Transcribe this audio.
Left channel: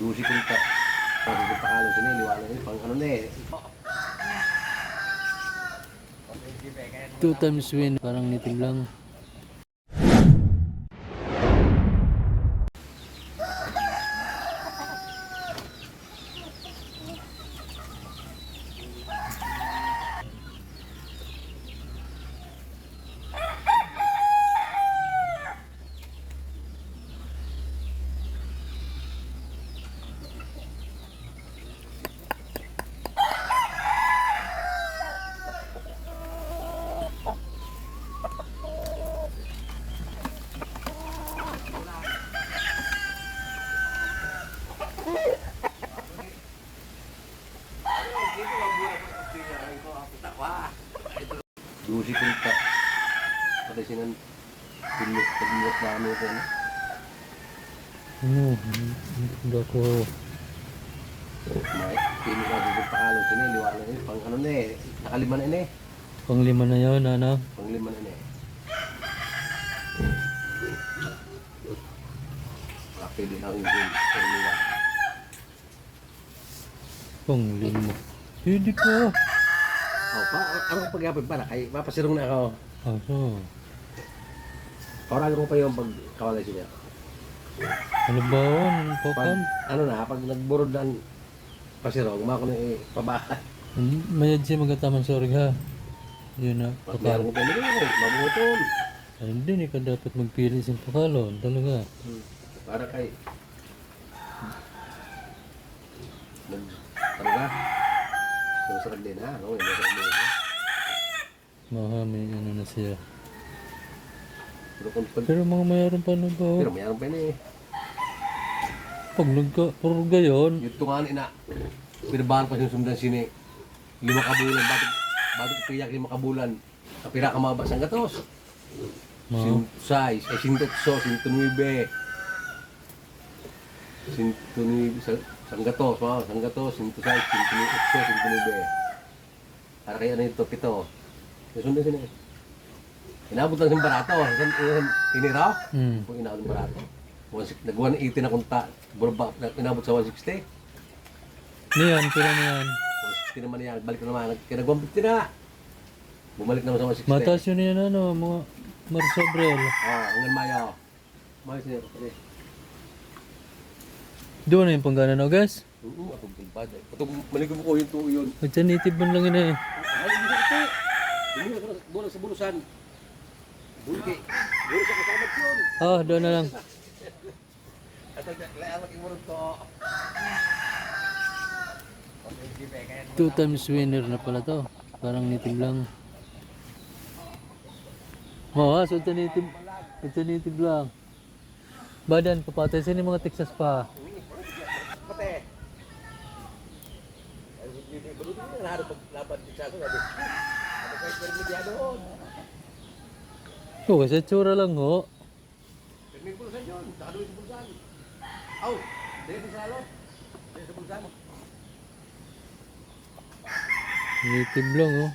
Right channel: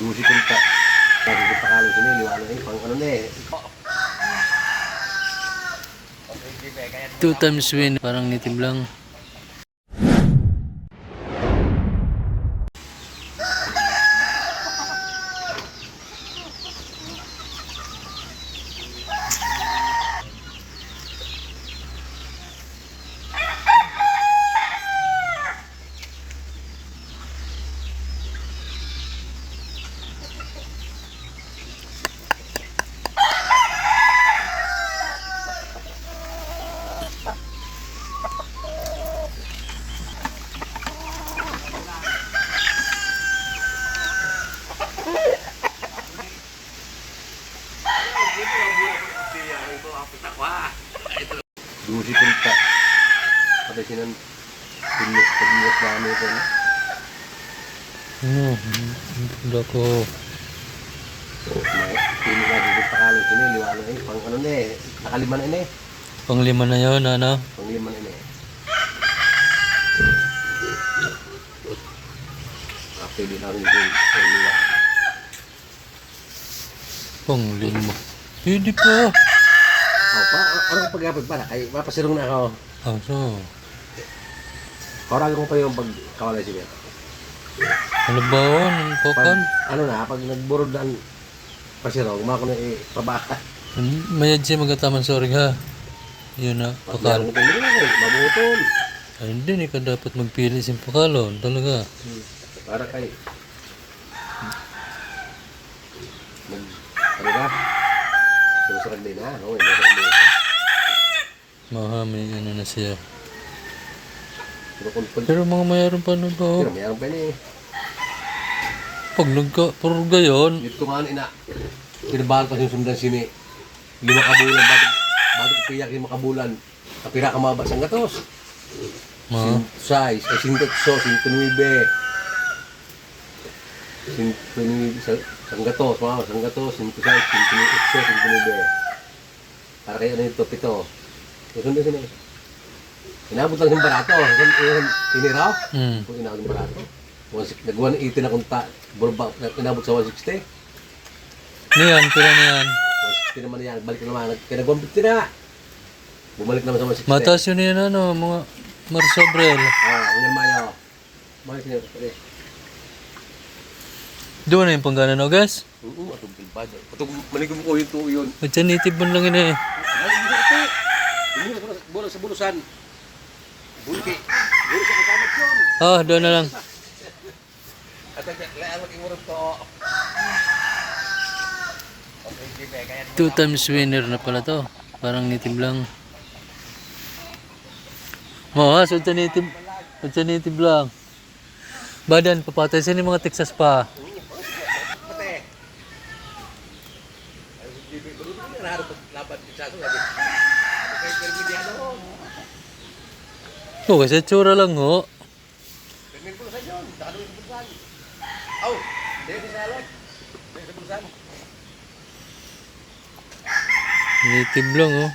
Dusi punta. Nagkikita ka lang sila, liwanag eh. Pang ano na eh. 2 times win, parang native lang. Dusi punta. Patay silang pinulit pag-iwas namin ito. Ano? Hindi ko. Pinulit na dito ka lang sila, liwanag eh. Pang ano na eh. Nakalima na eh. Panglima na yun, ano? Pang lima na eh. Pwede na rin yung liwa. Panglima. Pwede pa. Oh, anong pag-apod pala? Ay, mapasirong na ako. Ah, so. Parang ko pa yung pagkawalay siya. Ano ba yun? Ang pokan? Ano na, pag nagburod na ang pasirong, umako na eh, pabaka. Mayad siya magataman sorry ha. Yun na, pakal. Mabutol. Ay, hindi, hindi ka dapat magpili sa pakalon. Talaga. Para kay... Ano ba? Sinusarag din ha? Oo, sinusarag din ha? Maha, may ano na siya. Pero Pero mga mayroon pa na ba? mayroon pa yun eh. Pag nagka-purga yun. Dito nga ina, pinabahan pa sinusundan sini. 5 kabulan, bakit piyak 5 kabulan? Kapira ka mabas ang gatos. Ma. Size, ay 108, 109. 109 sang gatos, wow, sang gatos, 106, 108, 109. Para kaya ano ito, pito. Susundan sini. Inabot lang yung barato. Iniraw? Kung inabot yung barato. Nag-180 na kunta. Inabot sa 160. Niyan, pila niyan. 160 naman yan. Balik naman. Nag-150 na. Bumalik naman sa 160. Mataas yun yan, ano, mga Marsobrel. Hanggang Mayo. Balik na yun. Doon na yung panggana na, guys. Oo, atong pilpad. Atong maligom ko yung tuo yun. Magsanitib mo lang yun eh. Ay, hindi ito. Hindi na bulas sa bulusan. Bulki. Bulas sa kasamot yun. Ah, doon na lang. At ang imurog to. 2 times winner na pala to. Parang native lang. Mga sunta native lang. Badan, papatay sila yung mga Texas pa. Pate. Baru ini kan harus laban di satu lagi. Kayak Kermidiano. Oh, kasi tsura lang ho. Kermin pun saja. Tak ada yang lagi. Oh, dia di sana. Dia bersama. Native lang oh.